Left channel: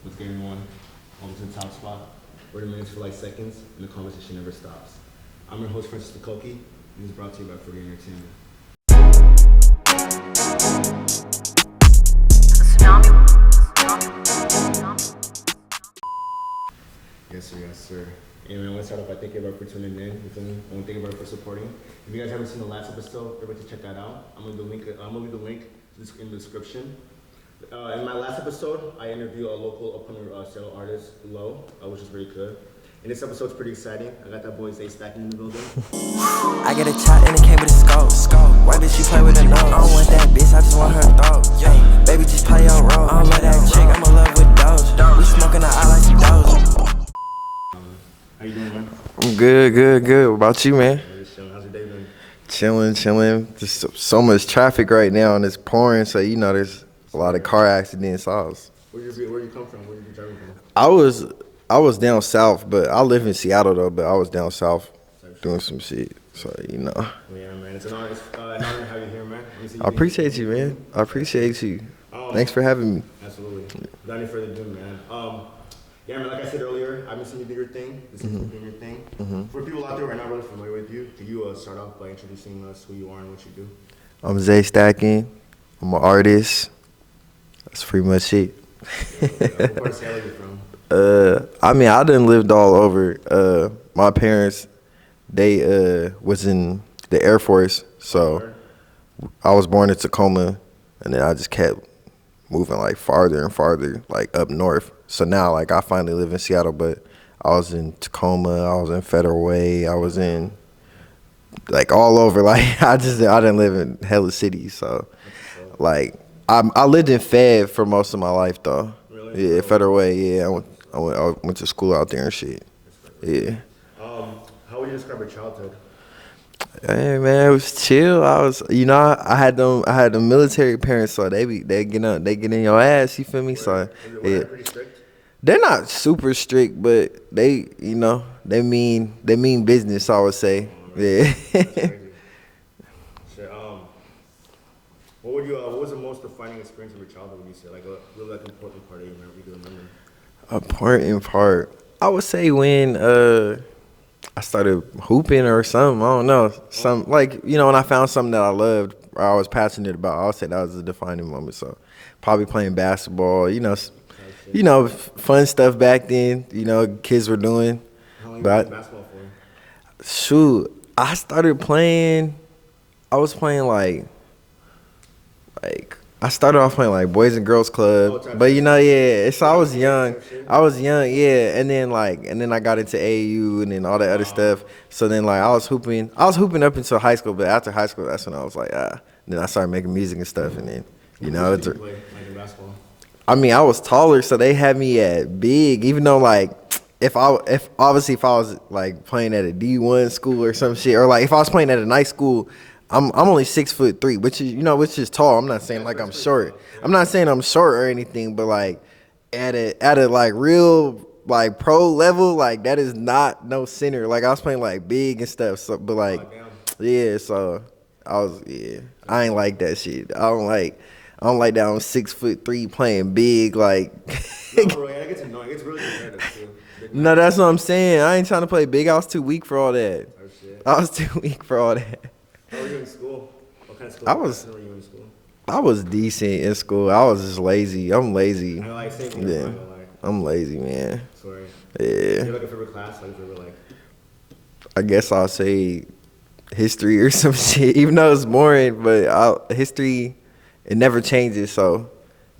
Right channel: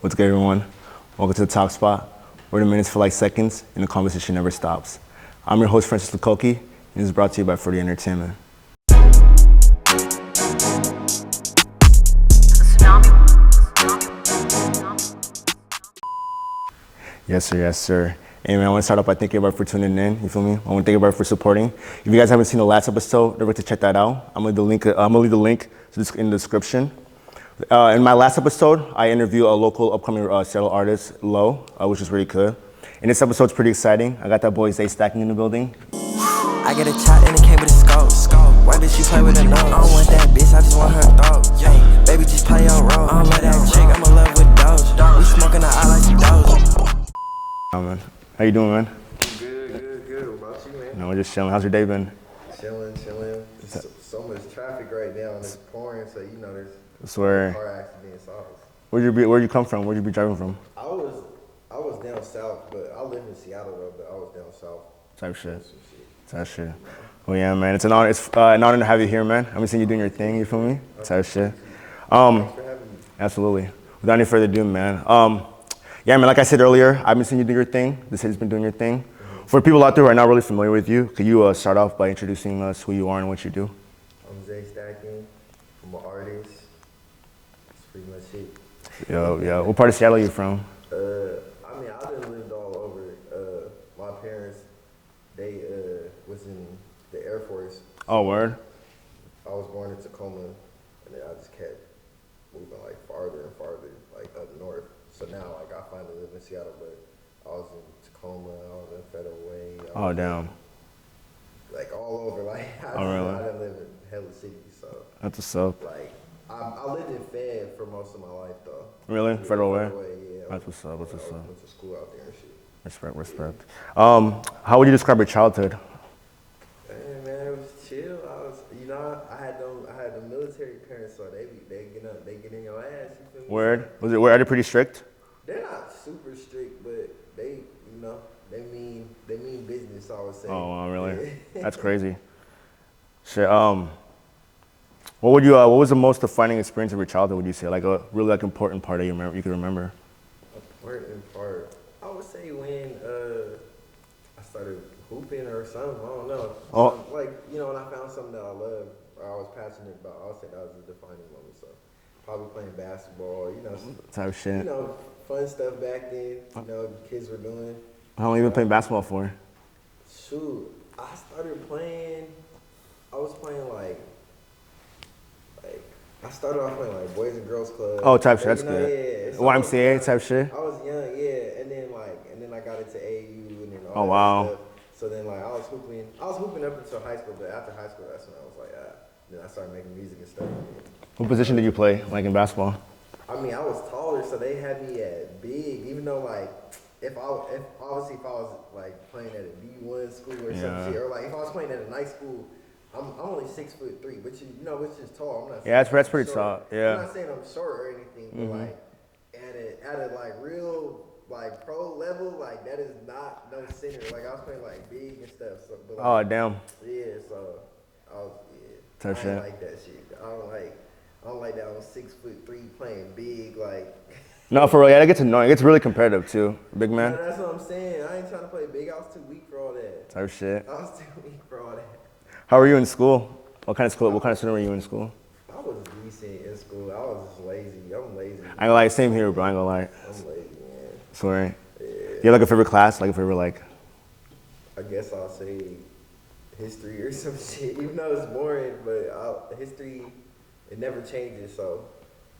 What's good, everyone? Welcome to the Talk Spot, where the minutes feel like seconds and the conversation never stops. I'm your host, Francis Lukoki, and this is brought to you by 40 Entertainment. Yes, sir, yes, sir. Hey, man, I want to start off by thanking everybody for tuning in, you feel me? I want to thank everybody for supporting. If you guys haven't seen the last episode, don't forget to check that out. I'm going to leave the link in the description. In my last episode, I interviewed a local upcoming Seattle artist, Lo, which was really good. And this episode's pretty exciting. I got that boy Zay Stacking in the building. I get a shot and it came with a scope. Why bitch you play with a nose? I don't want that bitch, I just want her throat. Hey, baby, just play your role. I don't like that chick, I'm in love with those. We smoking out, I like some doze. Oh, man. How you doing, man? I'm good. What about you, man? We're just chilling. How's your day been? Chilling. There's so much traffic right now and it's pouring, so there's a lot of car accidents. Where'd you come from? Where'd you be driving from? I was down south, but I live in Seattle though. But I was down south doing some shit. Well, yeah, man. It's an honor. It's an honor to have you here, man. I appreciate you, man. I appreciate you. Thanks for having me. Absolutely. Without any further ado, man. Yeah, man. Like I said earlier, I've been seeing you do your thing. The city's been doing your thing. Mm-hmm. For people out there who are not really familiar with you, could you start off by introducing us who you are and what you do? I'm Zay Stackin. I'm an artist. That's pretty much it. Yo. What part of Seattle are you from? I done lived all over. My parents, they was in the Air Force, so I was born in Tacoma, and then I just kept moving like farther and farther, like up north. So now, like, I finally live in Seattle, but I was in Tacoma, I was in Federal Way, I was in like all over. Like I didn't live in hella cities, so like I lived in Fed for most of my life though. Really? Yeah, Federal Way. Yeah, I went to school out there and shit. Respect. Yeah. How would you describe your childhood? Hey man, it was chill. I had them military parents, so they get in your ass. You feel me? Were they pretty strict? They're not super strict, but they mean business, I would say. Oh, really? Yeah. That's crazy. Shit. What was the most defining experience of your childhood? Would you say like a really important part that you can remember? Important part, I would say when I started hooping or something. I don't know. When I found something that I loved or I was passionate about, I would say that was a defining moment. So probably playing basketball, fun stuff back then, kids were doing. How long have you been playing basketball for? Shoot, I started playing, I was playing like I started off playing like Boys and Girls Club. Oh, type but shit. I was young. Type shit? I was young, yeah. And then I got into AAU and then all that other stuff. So then I was hooping up until high school, but after high school that's when I was like, then I started making music and stuff and then what position did you play, like in basketball? I was taller, so they had me at big, even though if I was like playing at a D1 school or some shit, or like if I was playing at a nice school, I'm only 6'3", which is tall. I'm not saying I'm short. Yeah. I'm not saying I'm short or anything, but like at a like real like pro level, like that is not no center. Like I was playing like big and stuff. So, but like, oh damn, yeah. So I ain't like that shit. I don't like that. I'm 6'3" playing big. Like no, for real. Yeah, that gets annoying. It gets really competitive too. Big man. No, that's what I'm saying. I ain't trying to play big. I was too weak for all that. Oh shit. I was too weak for all that. How were you in school? What kind of student were you in school? I was decent in school. I was just lazy. I'm lazy. I ain't gonna lie, same here, bro. I ain't gonna lie. I'm lazy, man. Sorry. Yeah. You have like a favorite class? Like a favorite I guess I'll say history or some shit. Even though it's boring, but history, it never changes, so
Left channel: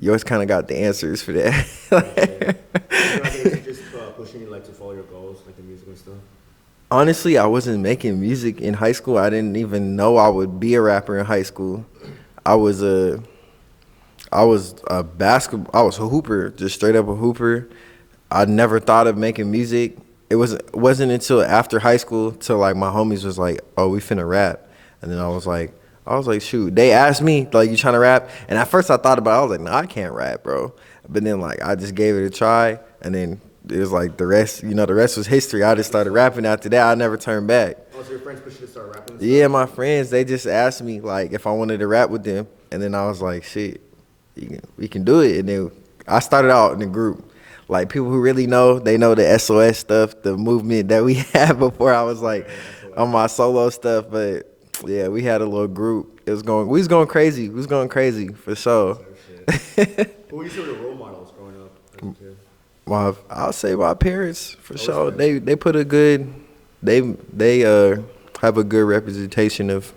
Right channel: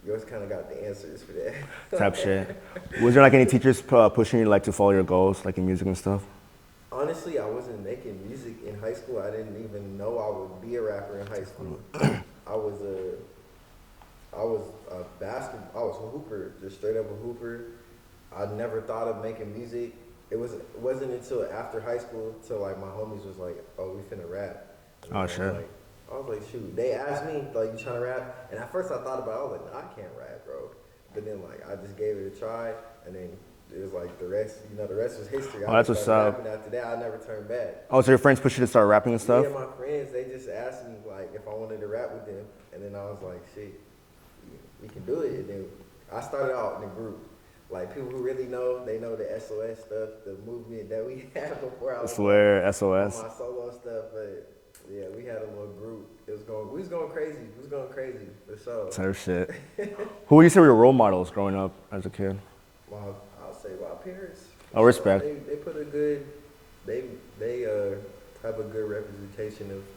you always kind of got the answers for that. Rap shit. Was there any teachers pushing you to follow your goals, like in music and stuff? Honestly, I wasn't making music in high school. I didn't even know I would be a rapper in high school. I was a hooper, just straight up a hooper. I never thought of making music. It wasn't until after high school till my homies was like, "Oh, we finna rap," and then I was like, shoot. They asked me you trying to rap, and at first I thought about it. I was like, no, I can't rap, bro. But then I just gave it a try, and then it was the rest, the rest was history. I just started rapping after that. I never turned back. Oh, so your friends pushed you to start rapping and stuff? Yeah, my friends, they just asked me if I wanted to rap with them. And then I was like, shit, we can do it. And then I started out in a group. like people who really know, they know the SOS stuff, the movement that we had before I was SOS. On my solo stuff. But yeah, we had a little group. We was going crazy. We was going crazy for sure. Type shit. Who would you say were your role models growing up as a kid? I'll say my parents for sure. Respect. They put a good, they have a good representation of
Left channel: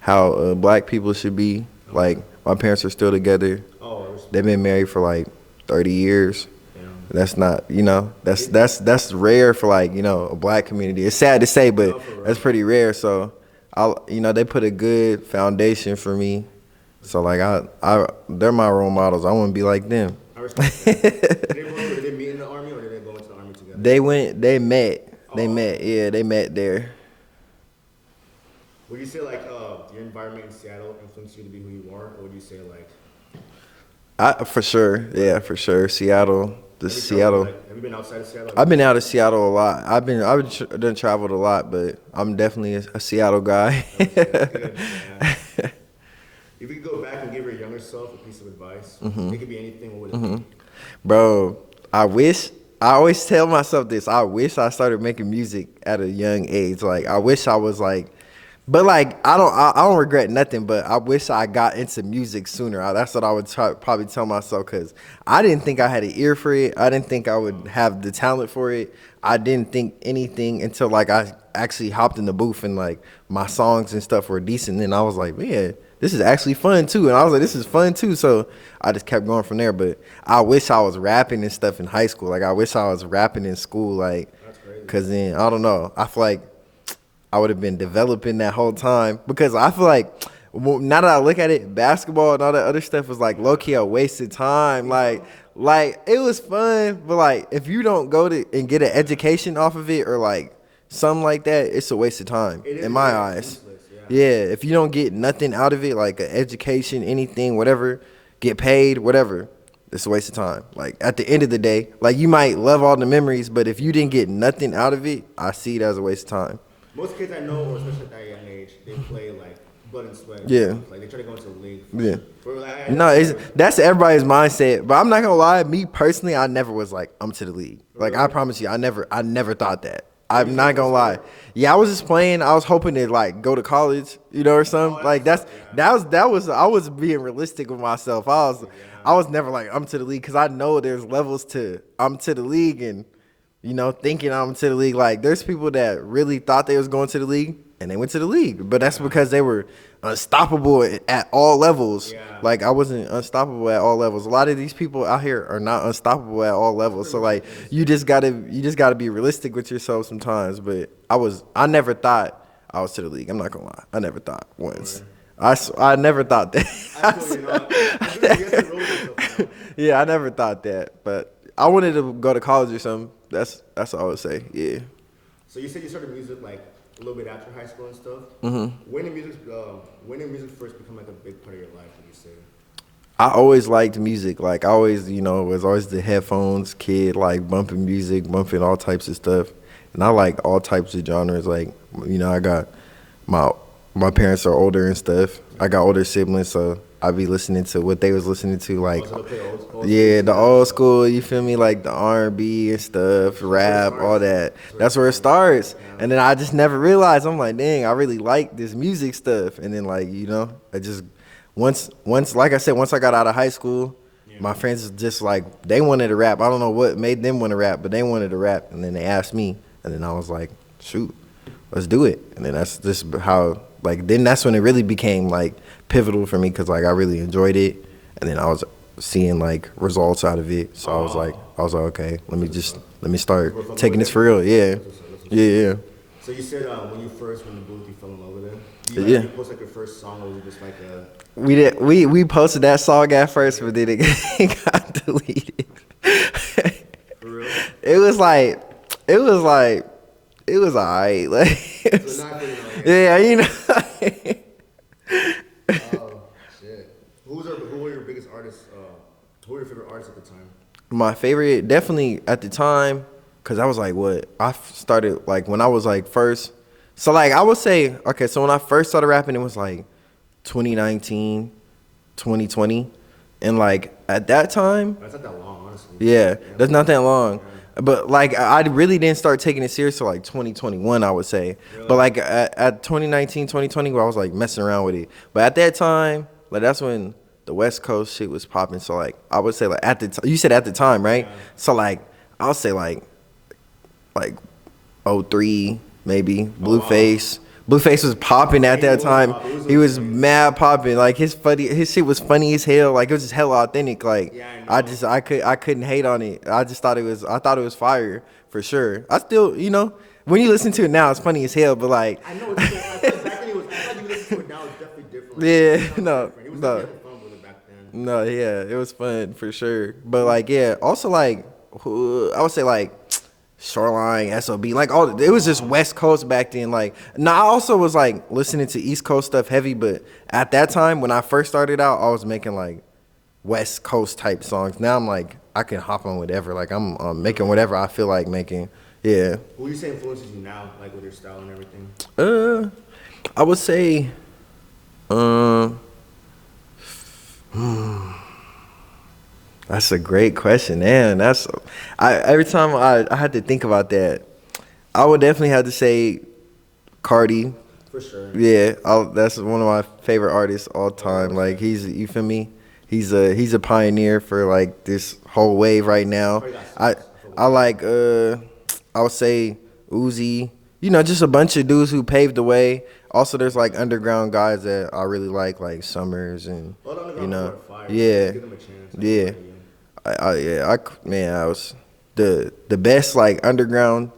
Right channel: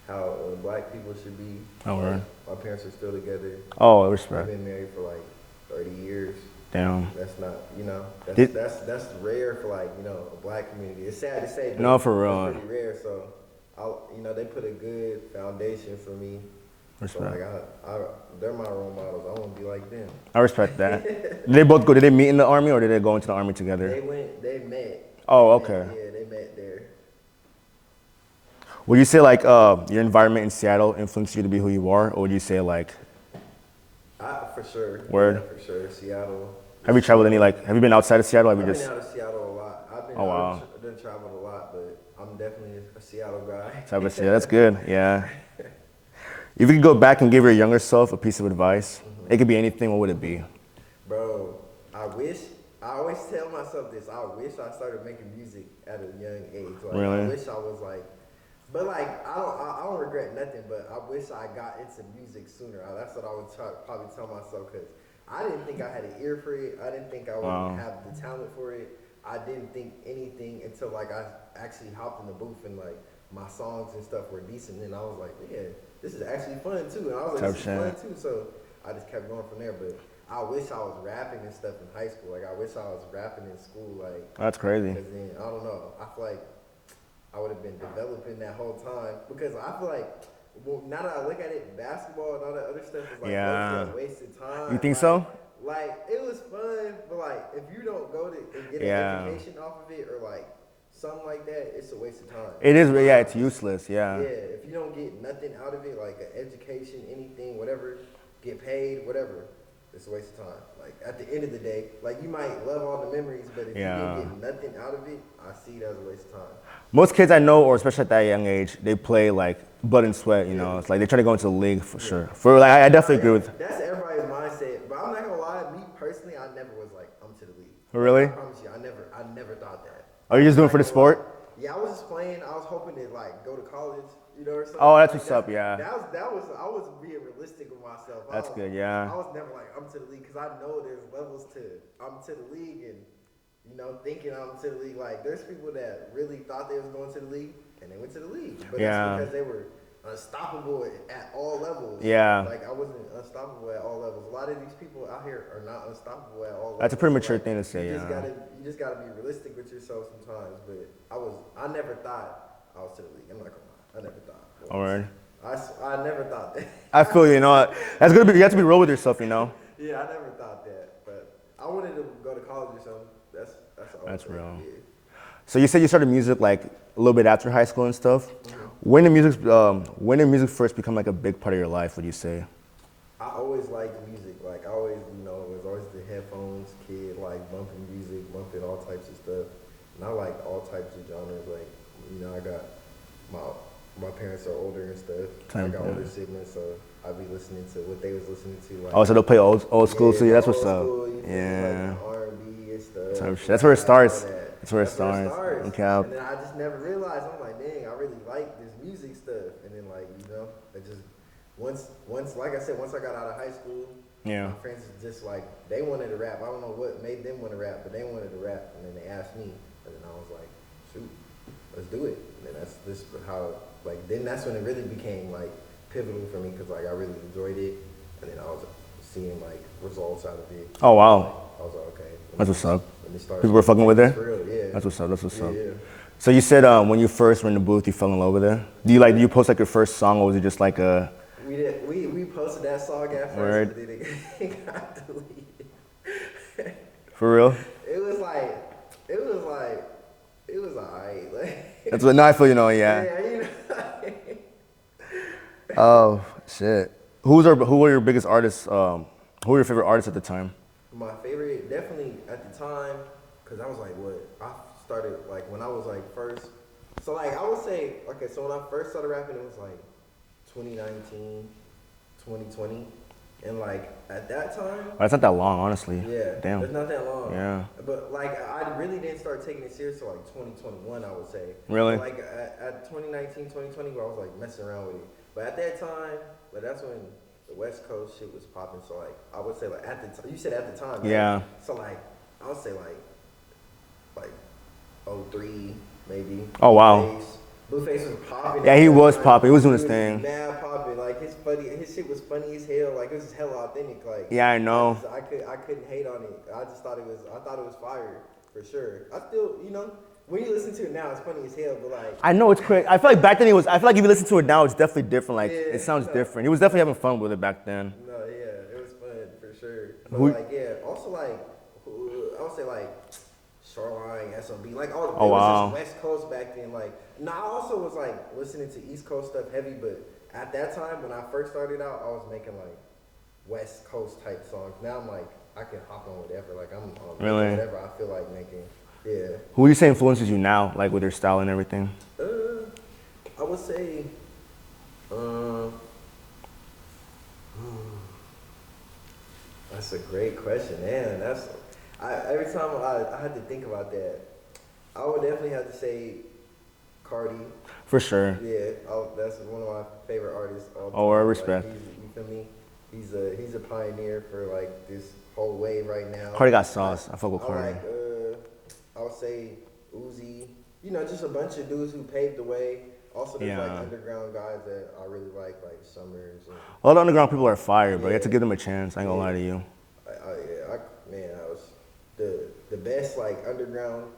how black people should be. Like my parents are still together. Oh, respect. They've been married for like 30 years. Damn. That's not, that's rare for like, a black community. It's sad to say, but No, for real. that's pretty rare. So, they put a good foundation for me. So like they're my role models. I want to be like them. I respect that. Did they both go? Did they meet in the army or did they go into the army together? They met. Oh, they okay. met. Yeah, they met there. Would you say like your environment in Seattle influenced you to be who you are, or would you say like? For sure. Word. Yeah, for sure. Seattle. Have you traveled have you been outside of Seattle? I've been out of Seattle a lot. I've done traveled a lot, but I'm definitely a Seattle guy. That's good. Yeah. If you could go back and give your younger self a piece of advice, it could be anything. What would it be? Bro, I always tell myself this. I wish I started making music at a young age. Like I wish I was like, but like I don't regret nothing. But I wish I got into music sooner. That's what I would probably tell myself, because I didn't think I had an ear for it. I didn't think I would have the talent for it. I didn't think anything until like I actually hopped in the booth and like my songs and stuff were decent. And I was like, man, this is actually fun too. And I was like, this is fun too. So I just kept going from there. But I wish I was rapping and stuff in high school. Like I wish I was rapping in school. Like That's crazy. Because then, I don't know. I feel like I would have been developing that whole time. Because I feel like now that I look at it, basketball and all that other stuff was like low-key a wasted time. You think so? Like it was fun, but like if you don't go to and get an education off of it or like something like that, it's a waste of time. It is, in my it's eyes. useless, yeah. Yeah, if you don't get nothing out of it, like an education, anything, whatever, get paid, whatever, it's a waste of time. Like at the end of the day, like you might love all the memories, but if you didn't get nothing out of it, I see it as a waste of time. Most kids I know, or especially at that young age, they play like blood and sweat. You know? It's like they try to go into the league for sure. For like, I definitely agree with. That's everybody's mindset. But I'm not gonna lie, me personally, I never was like, I'm to the league. Really? Like I promise you, I never thought that. Are you I'm just not going for gonna the lie. sport? Yeah, I was just playing. I was hoping to like go to college, or something. Oh, like what's that up, was I was being realistic with myself. I was never like I'm to the league, because I know there's levels to I'm to the league, and thinking I'm to the league. Like there's people that really thought they was going to the league and they went to the league, but that's because they were unstoppable at all levels. Yeah. Like I wasn't unstoppable at all levels. A lot of these people out here are not unstoppable at all levels. So like you just gotta be realistic with yourself sometimes. But I never thought I was to the league. I'm not gonna lie. I never thought once. I never thought that. I feel you know. That's good. You have to be real with yourself, Yeah, I never thought that. But I wanted to go to college or something. That's all I would say. Yeah. So you said you started music like a little bit after high school and stuff. When did music first become like a big part of your life, would you say? I always liked music. Like I always, was always the headphones kid, like bumping music, bumping all types of stuff. And I like all types of genres. Like, I got my parents are older and stuff. I got older siblings, so I be listening to what they was listening to. Like, so they'll play old school. Yeah, the old school. You feel me? Like the R&B and stuff, rap, all that. That's where it starts. And then I just never realized. I'm like, dang, I really like this music stuff. And then like, I just once like I said, once I got out of high school, my friends just like they wanted to rap. I don't know what made them want to rap, but they wanted to rap. And then they asked me, and then I was like, shoot, let's do it. And then that's just how then that's when it really became like pivotal for me, because like I really enjoyed it, and then I was seeing like results out of it. So I was like, okay, let me start taking this for real. Yeah, that's what's up. Yeah. So you said when you first were in the booth, you fell in love with it. Do you did you post like your first song, or was it just like a? We posted that song at first, but then it got deleted. For real? It was alright. Like, so now I feel Yeah, Oh shit! Who were your biggest artists? Who were your favorite artists at the time? My favorite, definitely at the time, cause I was like, I started like when I was like first. So like I would say, okay, so when I first started rapping, it was like 2019, 2020. And like at that time, That's not that long, honestly. yeah, Damn. that's not that long. Yeah. But like I really didn't start taking it serious till like 2021, I would say. Really? But like at 2019, 2020, where I was like messing around with it. But at that time, like that's when the West Coast shit was popping. So like I would say like at the time, you said at the time, right? Yeah. So like I'll say like '03 maybe. Oh, wow. Blueface was popping at he that was time. popping. He was doing his was thing. mad popping. Like his shit was funny as hell. Like it was just hella authentic. Like Yeah, I know. I couldn't hate on it. I thought it was fire for sure. I still, when you listen to it now, it's funny as hell. But like I know it's crazy. I feel like back then I feel like if you listen to it now, it's definitely different. Like, Yeah, it sounds different. He was definitely having fun with it back then. no, yeah, it was fun for sure. But like yeah, also like I would say like Shoreline, SOB, like it was just wow. West Coast back then. Like, I also was like listening to East Coast stuff heavy, but at that time when I first started out, I was making like West Coast type songs. Now I'm like I can hop on whatever. Like I'm making Really? whatever I feel like making. Yeah. Who would you say influences you now, like with your style and everything? I would say, that's a great question, man. Every time I had to think about that, I would definitely have to say Cardi. For sure. Yeah, that's one of my favorite artists all Oh, I time. Like respect. you feel me? He's a pioneer for like this whole wave right now. Cardi got songs. I fuck with I Cardi. like I would say Uzi. Just a bunch of dudes who paved the way. Also, there's like underground guys that I really like Summers and All the underground people are fire. Yeah. Yeah. To give them a chance. I ain't gonna lie to you. I was the best like underground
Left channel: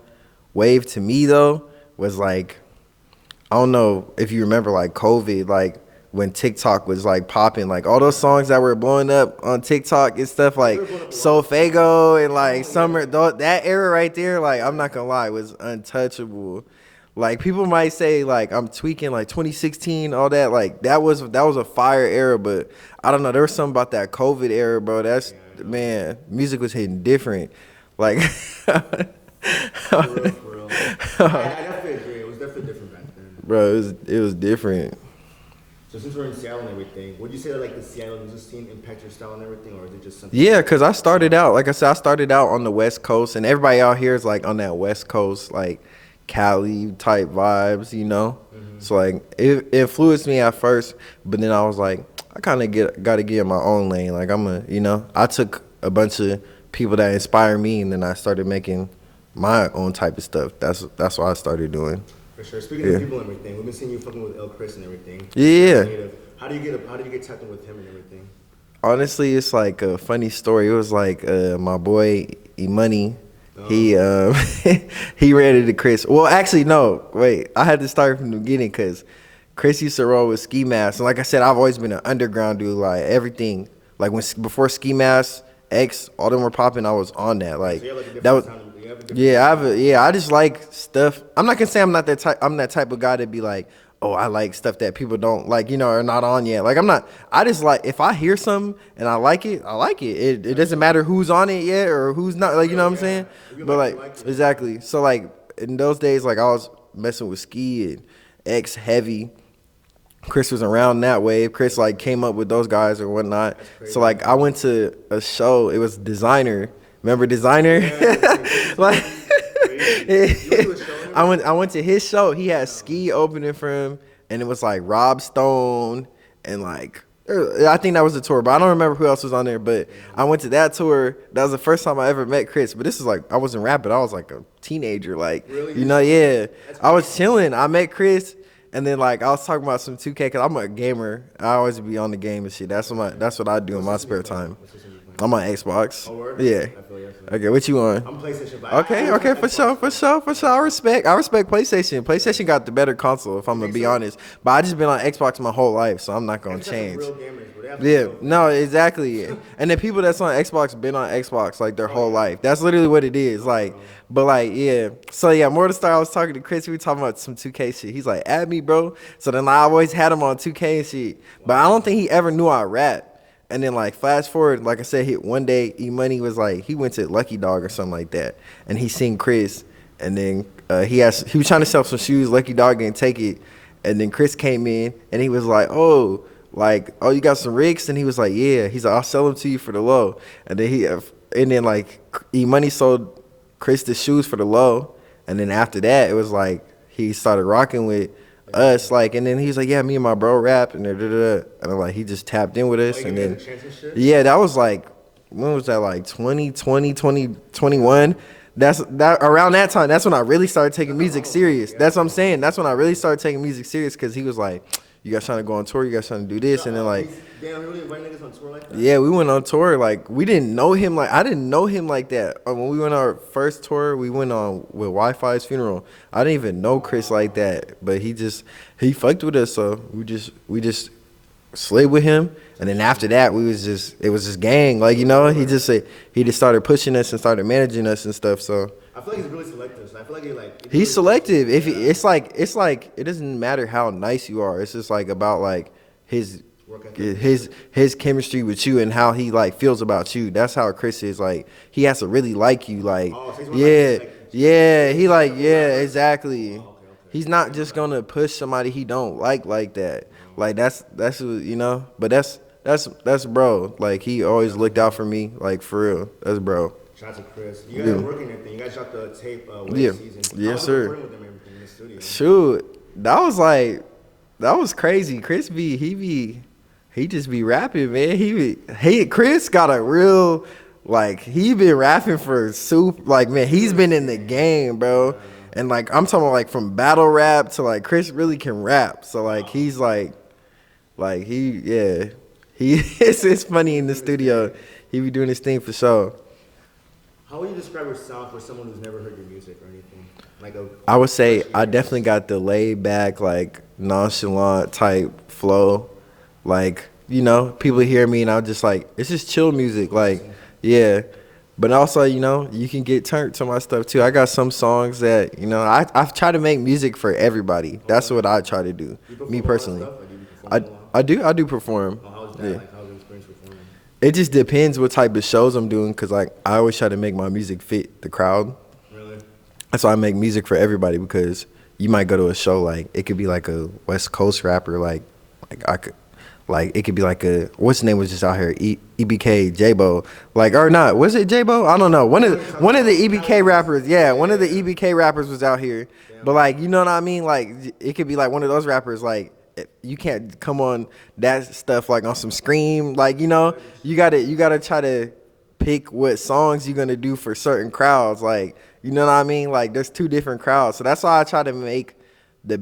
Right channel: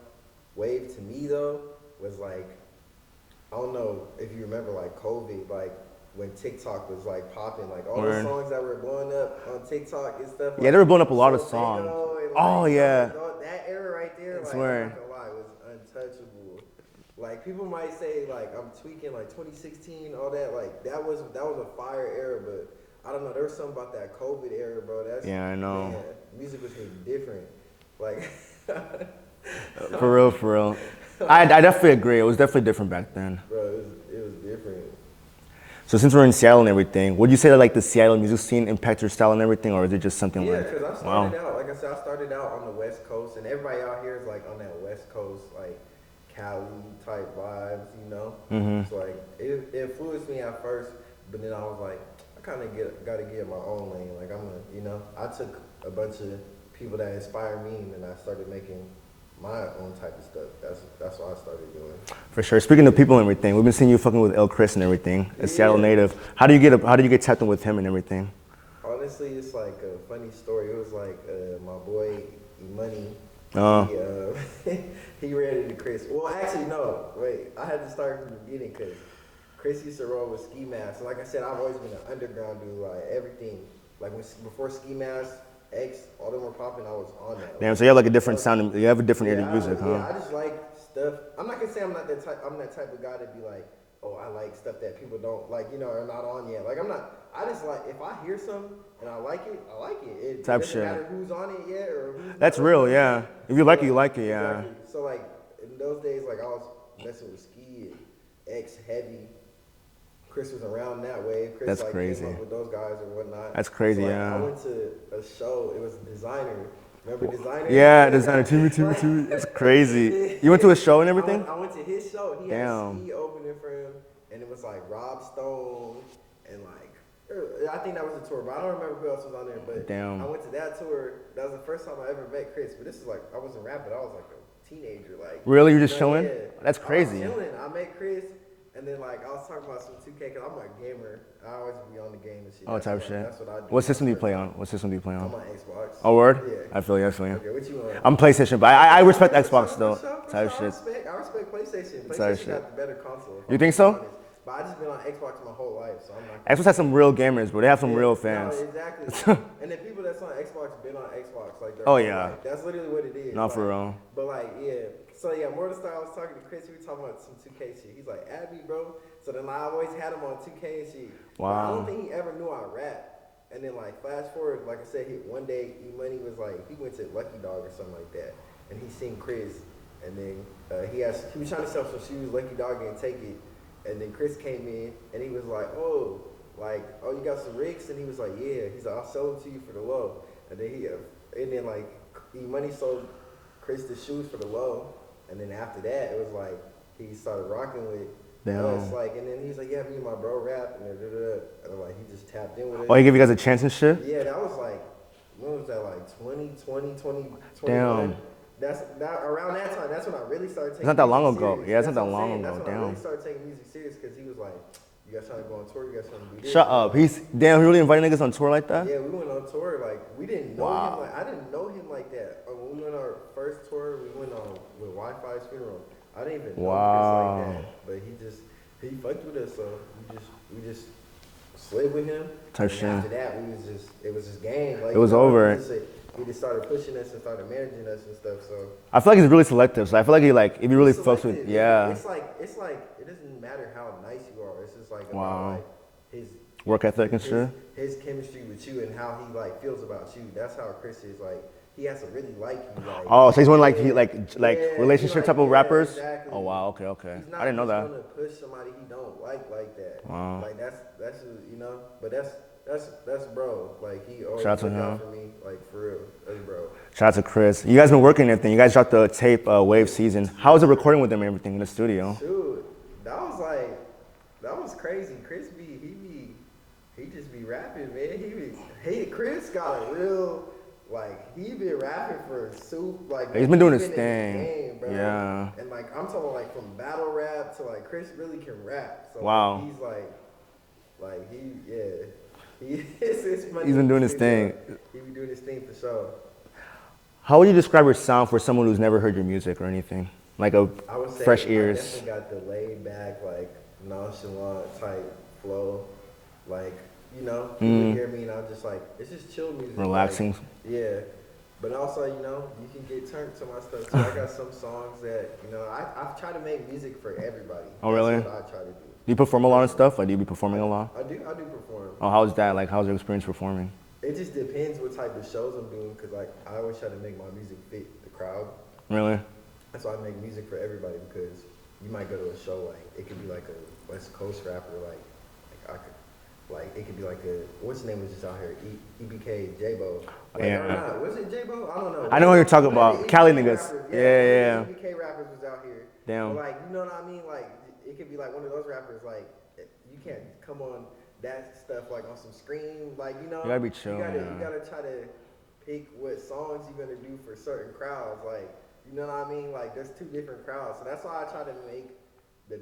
wave to me though was like, I don't know if you remember like COVID, like when TikTok was like popping, like all those songs that were blowing up on TikTok and stuff like they were blowing up a lot of Solfago and like Oh, Summer, yeah. that era right there, like I'm Right. not gonna lie, was untouchable. Like people might say like I'm tweaking like 2016, all that, like that was a fire era, but I don't know, there was something about that COVID era, bro. Yeah, I know. Man, music was hitting different. Like For real. I definitely agree. It was definitely different back then. bro, it was different. So since we're in Seattle and everything, would you say that like the Seattle music scene impacts your style and everything, or is it just something? Yeah, because I started out, like I said, I started out on the West Coast, and everybody out here is like on that West Coast, like Cali type vibes, Mm-hmm. So like it influenced me at first, but then I was like, I kind of got to get in my own lane. Like I took a bunch of people that inspire me, and then I started making my own type of stuff. That's what I started doing. For sure. Speaking of people and everything, we've been seeing you fucking with El Chris and everything. The Yeah. Seattle native. How do you get tapped in with him and everything? Honestly, it's like a funny story. It was like my boy E-Money. Oh. He ran into Chris. Well, actually, no. Wait, I had to start from the beginning because Chris used to roll with Ski Mask. And like I said, I've always been an underground dude. Like everything, like before Ski Mask, X, all them were popping. I was on that. Like So you have like a different sound. You have a different. Yeah, I just like stuff. I'm not gonna say I'm not that type. I'm that type of guy to be like, oh, I like stuff that people don't like, are not on yet. Like I'm not. I just like if I hear something and I like it, I like it. It doesn't matter who's on it yet or who's not. That's like real, you know what yeah. I'm saying? If you like it, you like it, yeah. Exactly. So like in those days, like I was messing with Ski and X Heavy. Chris was around that wave. Chris That's like crazy. came up with those guys or whatnot. That's crazy, So like yeah. I went to a show. It was Designer. Remember Designer? Yeah, it's crazy. You went to a show and everything? I went to his show. He had Damn. Ski opening for him, and it was like Rob Stone and like I think that was the tour, but I don't remember who else was on there. But Damn. I went to that tour. That was the first time I ever met Chris. But this is like I wasn't rapping. I was like a teenager. Like Really? You just chilling? yeah. That's I was crazy. chilling. I met Chris. And then like I was talking about some 2K because I'm a gamer. I always be on the game and shit. That's what I do in my spare time. What system do you play on? I'm on Xbox. Oh, word? Yeah. I feel you. Okay, what you on? I'm PlayStation, but I respect Xbox, for sure. though. I respect PlayStation. PlayStation got the better console, if I'm gonna think be so? honest. But I just been on Xbox my whole life, so I'm not gonna Xbox has some change. real gamers, bro. They have some Yeah, real fans. no, exactly. And the people that's on Xbox been on Xbox like their Oh, whole yeah. life. That's literally what it is. Nah, for like, real. but like, yeah. So yeah, more to start. I was talking to Chris. We were talking about some 2K shit. He's like, add me, bro. So then I always had him on 2K and shit. But I don't think he ever knew I rap. And then like fast forward, like I said, one day E-Money was like, he went to Lucky Dog or something like that, and he seen Chris, and then he was trying to sell some shoes. Lucky Dog didn't take it, and then Chris came in and he was like, oh, like, oh, you got some rigs? And he was like, yeah. He's like, I'll sell them to you for the low. And then like E-Money sold Chris the shoes for the low. And then after that, it was like he started rocking with us, like, and then he's like, yeah, me and my bro rap, and and I'm like, he just tapped in with us. Oh, he gave you guys a chance and shit? Yeah, that was like, when was that, like 2020, 2021? That's around that time. That's when I really started taking music serious. That's what I'm saying. That's when I really started taking music serious, because he was like, you guys trying to go on tour, you guys trying to do this. Shut and up. Like, damn, he really invited niggas on tour like that? Yeah, we went on tour. Like, we didn't know him. Like, I didn't know him like that. When we went on our first tour, we went on with Wi-Fi's funeral. I didn't even know Chris like that, but he fucked with us. So we just slid with him, and then after that, it was just gang. Like, you know, over. he just started pushing us and started managing us and stuff. So I feel like he's really selective. So I feel like if he's really selective. It's like it doesn't matter how nice you are. It's just like about like his work ethic, his chemistry with you, and how he like feels about you. That's how Chris is. Like, he has to really like you. Like, oh, so he's one he like rappers? Exactly. Oh, wow, okay. He's not just gonna push somebody he don't like that. Wow. Like, that's you know. But that's bro. Like, he always looked out for me. Like, for real. That's bro. Shout out to Chris. You guys been working and everything. You guys dropped the tape Wave Season. How was it recording with them and everything in the studio? Shoot, that was crazy. Chris he just be rapping, man. Chris got a real, like, he been rapping for like, man, he's been in the game, bro. Yeah. And like, I'm talking like from battle rap to like, Chris really can rap. So like, he's like it's funny in the studio. He be doing his thing for sure. How would you describe your sound for someone who's never heard your music or anything? I would say I definitely got the laid back, like, nonchalant type flow. Like, you know, people hear me and I'm just like, it's just chill music. Like, yeah. But also, you know, you can get turned to my stuff too. I got some songs that, you know, I've tried to make music for everybody. That's really what I try to do. Do you perform a lot of stuff? Like, do you be performing a lot? I do perform. Oh, how's that? Yeah. Like, how's your experience performing? It just depends what type of shows I'm doing, because like, I always try to make my music fit the crowd. Really? That's why I make music for everybody, because you might go to a show, like, it could be like a West Coast rapper, like it could be like what's his name was just out here, EBK, J-Bo, like, or not, was it J-Bo? I don't know. One of the EBK rappers, one of the EBK rappers was out here. Damn. But like, you know what I mean? Like, it could be like one of those rappers, like, you can't come on that stuff like on some Scream, like, you know, you gotta try to pick what songs you're gonna do for certain crowds, like, you know what I mean? Like, there's two different crowds, so that's why I try to make the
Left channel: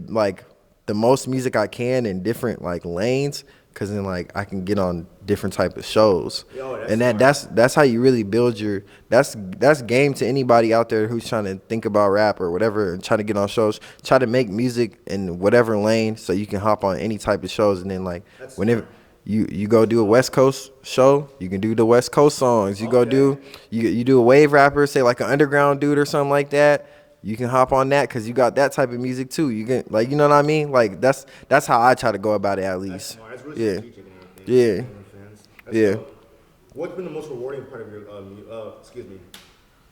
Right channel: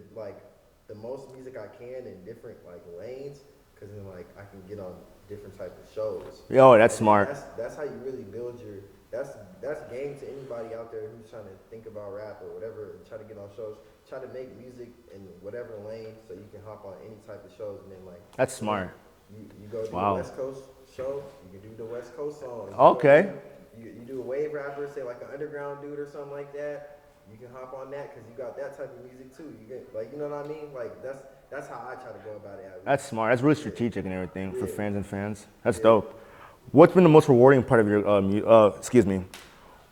most music I can in different like lanes, because then like I can get on different type of shows. Yo, that's smart. That's how you really build your. That's game to anybody out there who's trying to think about rap or whatever and trying to get on shows. Try to make music in whatever lane so you can hop on any type of shows, and then like that's whenever smart. You go do a West Coast show, you can do the West Coast songs. You do a wave rapper, say like an underground dude or something like that. You can hop on that because you got that type of music too. You can, like, you know what I mean? Like, that's how I try to go about it, at least. That's smart. That's really strategic and everything. Yeah. For fans. That's dope. What's been the most rewarding part of your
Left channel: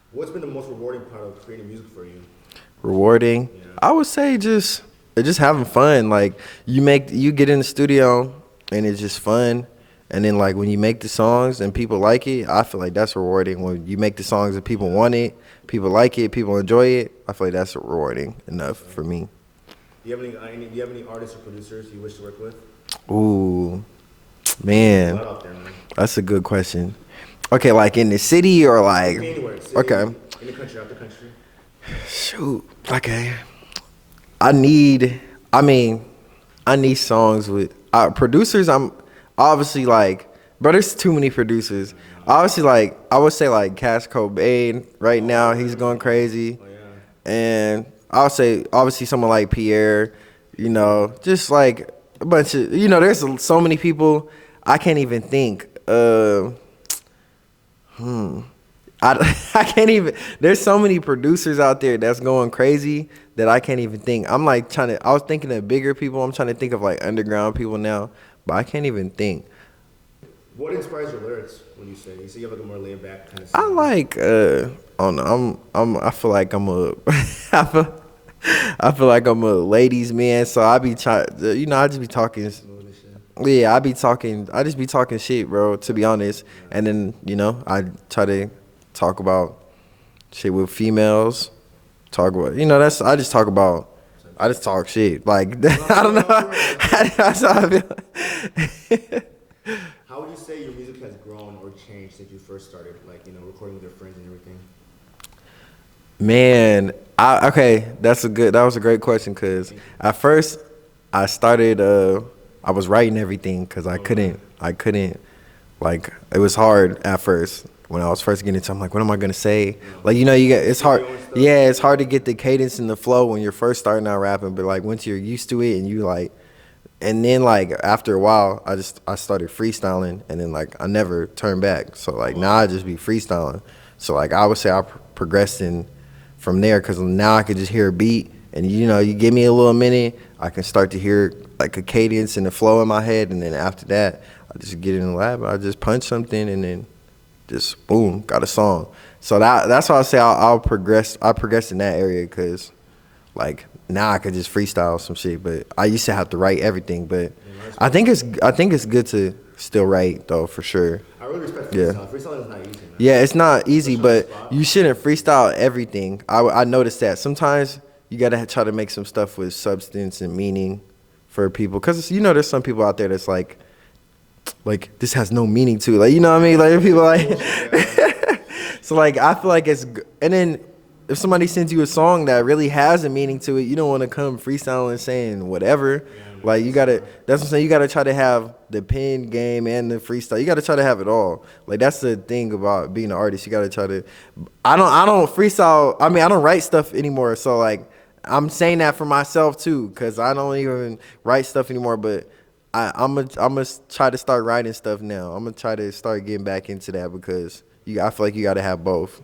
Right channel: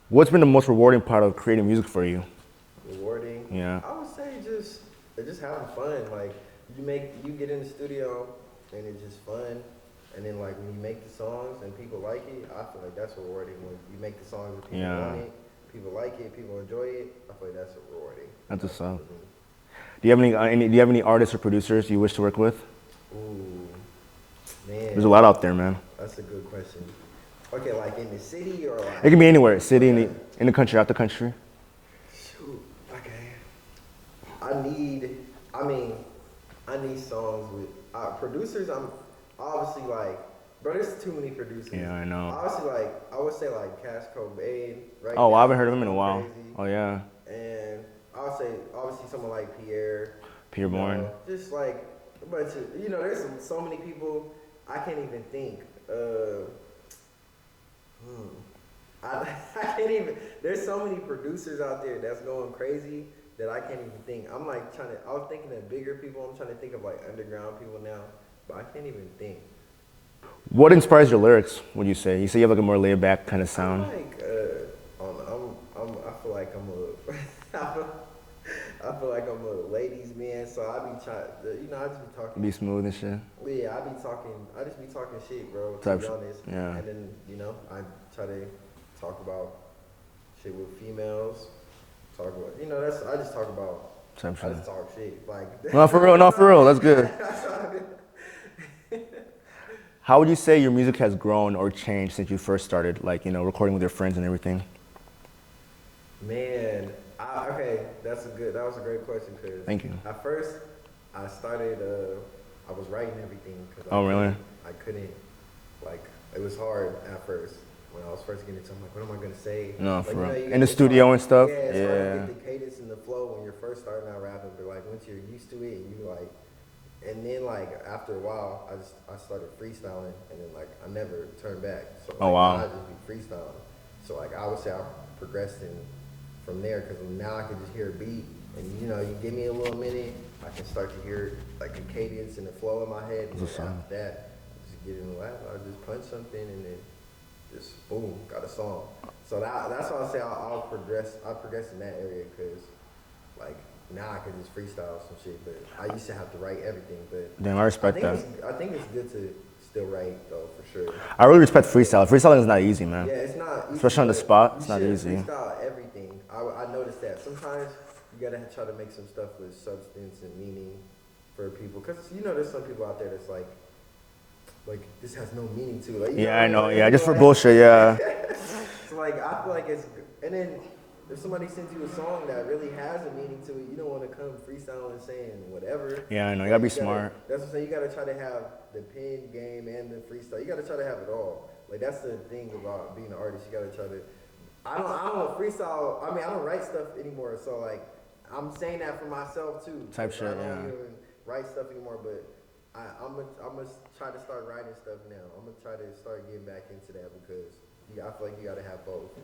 What's been the most rewarding part of creating music for you? Rewarding? Yeah. I would say just having fun. Like, you get in the studio and it's just fun. And then like when you make the songs and people like it, I feel like that's rewarding. When you make the songs and people want it, people like it, people enjoy it, I feel like that's rewarding enough for me. Do you have any artists or producers you wish to work with? Ooh, man. There's a lot out there, man. That's a good question. Okay, like in the city or like? It can be anywhere. City, in the country, out the country. Shoot. Okay. I need songs with producers. I'm obviously like, bro, there's too many producers. Yeah, I know. Obviously, like, I would say like Cash Cobain right now. He's going crazy. Oh yeah. And I would say obviously someone like Pierre. You know, just like a bunch of, you know, there's so many people I can't even think. I can't even. There's so many producers out there that's going crazy that I can't even think. I'm like I was thinking of bigger people. I'm trying to think of like underground people now, but I can't even think. What inspires your lyrics, would you say? You say you have like a more laid back kind of sound. I like, I don't know. I feel like I feel like I'm a ladies man, so I be trying. I just be talking. Be smooth and shit. Yeah, I just be talking shit, bro. To be honest, yeah. and then I try to talk about shit with females. Talk about I just talk about. I just talk shit like. No, for real. That's good. That's how I feel. How would you say your music has grown or changed since you first started, like, recording with your friends and everything? Man, that was a great question, because at first I started, I was writing everything because I couldn't, like, it was hard at first. When I was first getting into it, I'm like, what am I going to say? No, like, it's hard. And stuff? Yeah, it's hard to get the cadence and the flow when you're first starting out rapping, but like once you're used to it and you like, and then like after a while, I started freestyling, and then like I never turned back. So like now I just be freestyling. So like I would say I progressed from there, because now I could just hear a beat, and you give me a little minute, I can start to hear like a cadence and a flow in my head, and then after that, I just get in the lab, I just punch something, and then just boom, got a song. So that's why I say I'll progress. I progressed in that area, because like now I could just freestyle some shit, but I used to have to write everything. But damn, I think it's good to still write though, for sure. I really respect freestyle. Yeah. Freestyling is not easy, man. Yeah, it's not easy, especially but you shouldn't freestyle everything. I noticed that sometimes you gotta try to make some stuff with substance and meaning for people, because there's some people out there that's like this has no meaning to it. Like, know what I mean? Like, people like bullshit, yeah. So like I feel like and then if somebody sends you a song that really has a meaning to it, you don't want to come freestyling saying whatever. Yeah, I know. Like, that's what I'm saying. You gotta try to have the pen game and the freestyle. You gotta try to have it all. Like, that's the thing about being an artist. You gotta try to. I don't freestyle. I mean, I don't write stuff anymore. So like, I'm saying that for myself too, because I don't even write stuff anymore. But I'm gonna try to start writing stuff now. I'm gonna try to start getting back into that, because I feel like you gotta have both.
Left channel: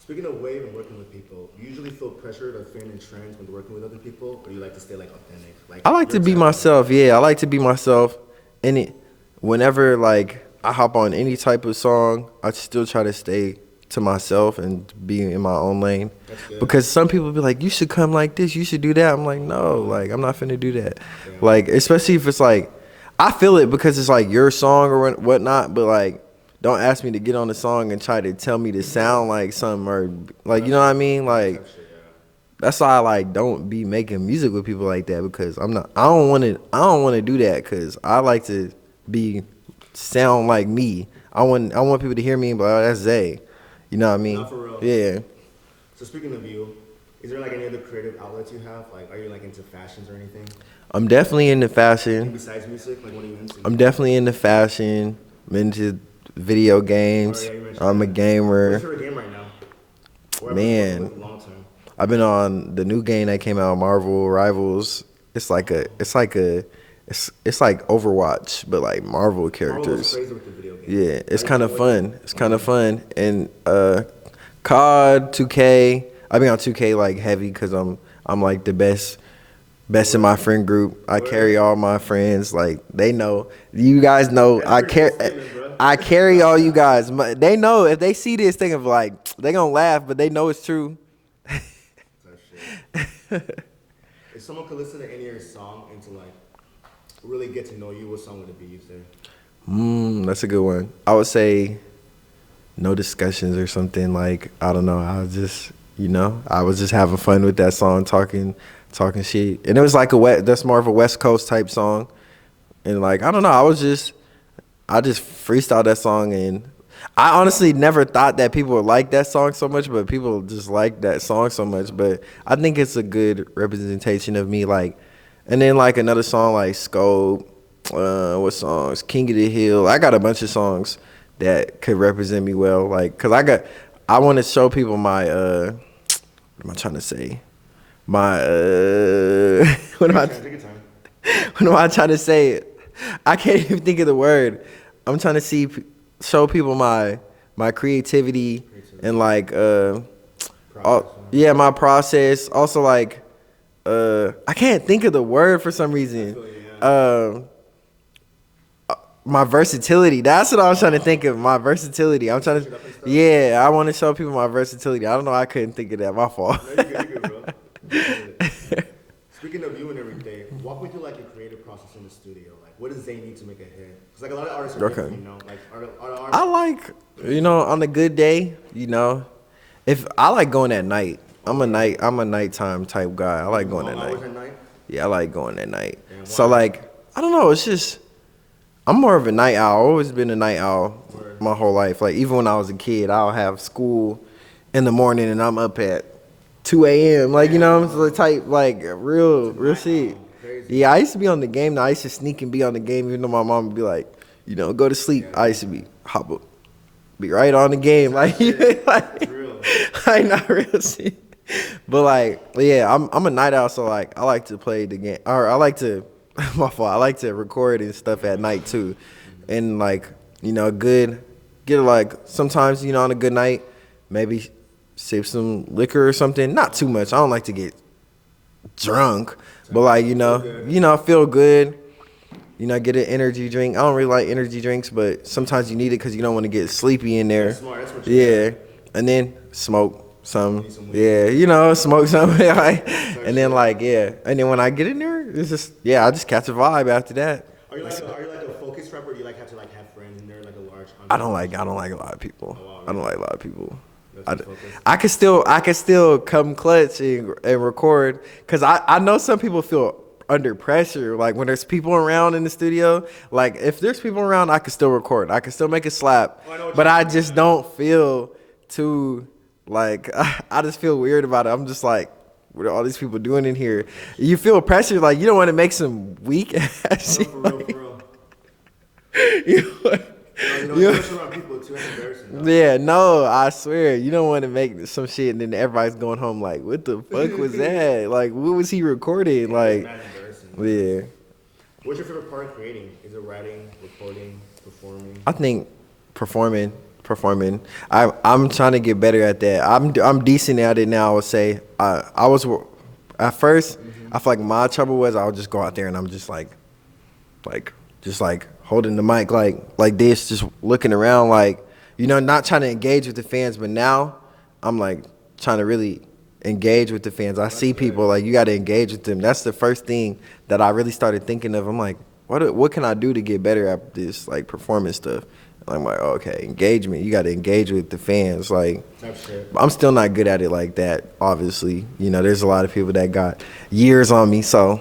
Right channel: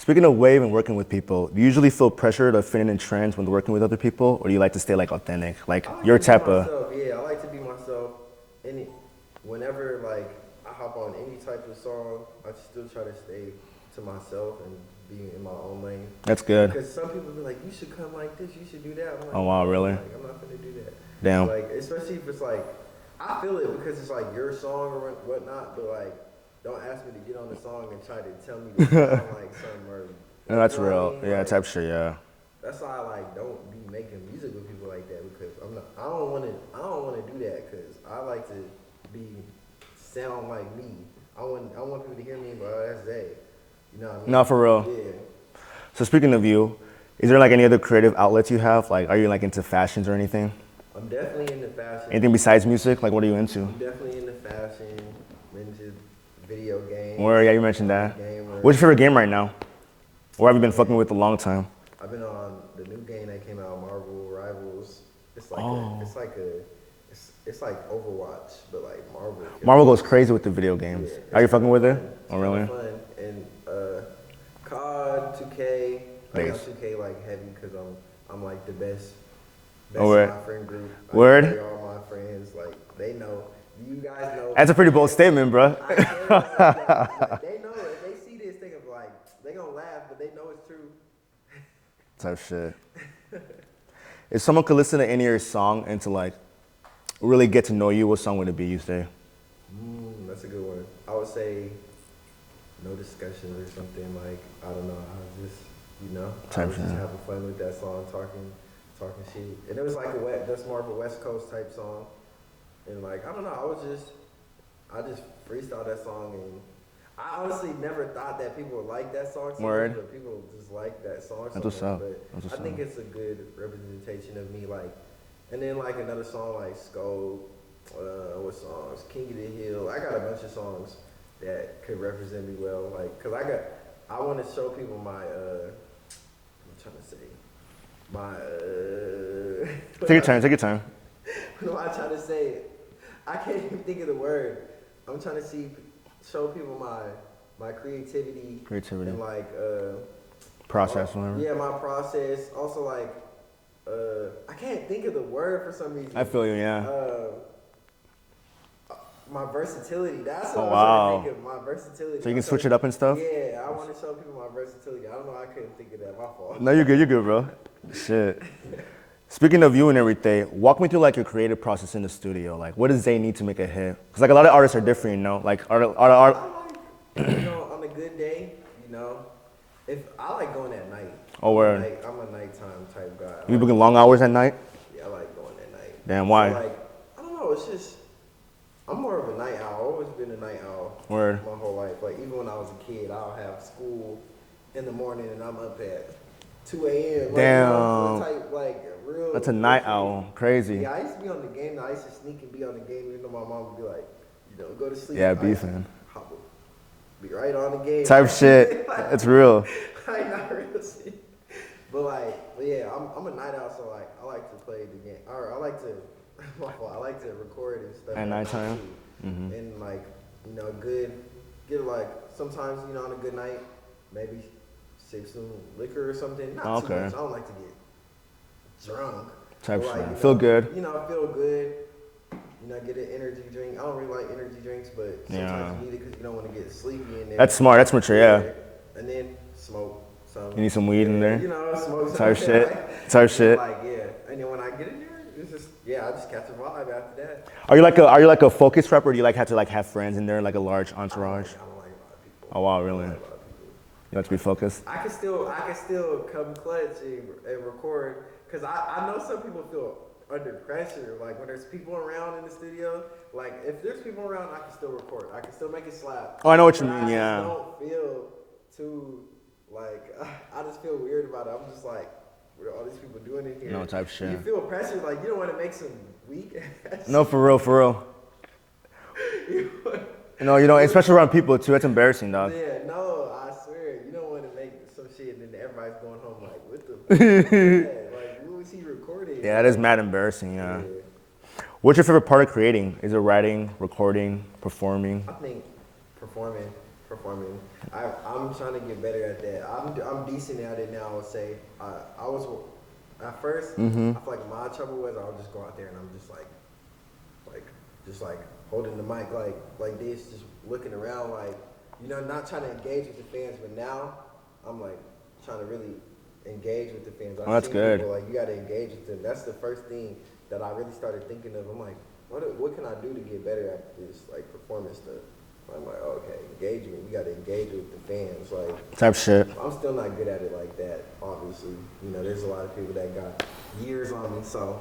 Speaking of wave and working with people, do you usually feel pressure to fit in trends when working with other people, or do you like to stay like authentic? Like, I like to be myself. Yeah, I like to be myself. And whenever like I hop on any type of song, I still try to stay to myself and be in my own lane. That's good. Because some people be like, you should come like this, you should do that. I'm like, no, really? Like I'm not finna do that. Damn. Like, especially if it's like, I feel it because it's like your song or whatnot, but like, don't ask me to get on the song and try to tell me to sound like something, or like, you know what I mean? Yeah, like, type shit, yeah. That's why I like don't be making music with people like that, because I don't want to do that, because I like to sound like me. I want people to hear me and be like, oh, that's Zay. You know what I mean? No, for real. Yeah. So speaking of you, is there like any other creative outlets you have? Like, are you like into fashions or anything? I'm definitely into fashion. Anything besides music? Like, what are you into? I'm definitely into fashion. I'm into video games. Where, yeah, you mentioned I'm that. a gamer. What's your favorite game right now? Or have you been fucking with a long time? I've been on the new game that came out, Marvel Rivals. It's like it's like Overwatch, but like Marvel characters. Marvel goes crazy with the video game. Yeah, it's kind of fun. It's kind of fun. And COD, 2K. I've been on 2K like heavy, because I'm like the best in my friend group. I carry all my friends. Like, they know. You guys know. That's a pretty bold statement, bro. I carry all you guys. They know if they see this thing of like, they gonna laugh, but they know it's true. Type shit. If someone could listen to any of your song and to like really get to know you, what song would it be, you say? That's a good one. I would say No Discussions or something. Like, I don't know. I was just, I was just having fun with that song, talking shit. And it was like that's more of a West Coast type song. And like, I don't know, I just freestyled that song, and I honestly never thought that people would like that song so much, but people just like that song so much. But I think it's a good representation of me. Like, and then like another song like Scope, what songs? King of the Hill. I got a bunch of songs that could represent me well. Like, cause I want to show people my what am I trying to say? My Take your time. What am I trying to say? I can't even think of the word. I'm trying to show people my creativity and like process. Yeah, my process. Also like I can't think of the word for some reason. I feel you, yeah. My versatility. That's what I was trying to think of. My versatility. I'm trying to switch it up and stuff. Yeah, I want to show people my versatility. I don't know. I couldn't think of that. My fault. No, you're good. You're good, bro. Shit. Speaking of you and everything, walk me through like your creative process in the studio. Like, what does they need to make a hit? Because like a lot of artists are different, you know. Like, I like, on a good day, if I like going at night. I'm a nighttime type guy. I like going going long hours at night. Yeah, I like going at night. Damn, why? So like, I don't know. It's just I'm more of a night owl. I've always been a night owl my whole life. Like even when I was a kid, I'll have school in the morning and I'm up at 2 a.m. Like, it's the type, like, real. That's a night owl. Crazy. Yeah, I used to be on the game. Now, I used to sneak and be on the game, even though my mom would be like, go to sleep. Yeah, I used to be right on the game. Type shit. That's real. Like, not real shit. But, like, yeah, I'm a night owl, so, like, I like to play the game. Or I like to, my fault, I like to record and stuff at night, too. Mm-hmm. And, like, get, like, sometimes, on a good night, maybe sip some liquor or something. Not too much. I don't like to get drunk. But like, feel good. Feel good. Get an energy drink. I don't really like energy drinks, but sometimes you need it because you don't want to get sleepy in there. That's smart. That's mature. Yeah. And then smoke some. You need some weed. Yeah, smoke something. And then like, And then when I get in there, it's just, I just catch a vibe after that. Are you like a focused rapper, or do you like have to have friends in there, like a large entourage? I don't like a lot of people. Oh wow, really? I don't like a lot of people. You like to be focused? I can still come clutch and record because I know some people feel under pressure. Like when there's people around in the studio, like if there's people around, I can still record. I can still make it slap. Oh, I know what you mean. But I just don't feel too like I just feel weird about it. I'm just like, what are all these people doing in here? You feel pressure, like you don't want to make some weak ass. No, for real. Especially around people too. That's embarrassing, dog. Yeah, no, I swear. You don't want to make some shit and then everybody's going home like, what the fuck was that? Like, what was he recording? Yeah, it's mad embarrassing. Yeah. What's your favorite part of creating? Is it writing, recording, performing? I think performing. I'm trying to get better at that. I'm decent at it now, I would say. I was, at first, I feel like my trouble was I would just go out there and I'm just like holding the mic like this, just looking around, like, not trying to engage with the fans. But now I'm like trying to really engage with the fans. I see people, like, you got to engage with them. That's the first thing that I really started thinking of. I'm like, what can I do to get better at this, like, performance stuff? I'm like, okay, engagement. You got to engage with the fans, like type shit. I'm still not good at it like that. Obviously, there's a lot of people that got years on me, so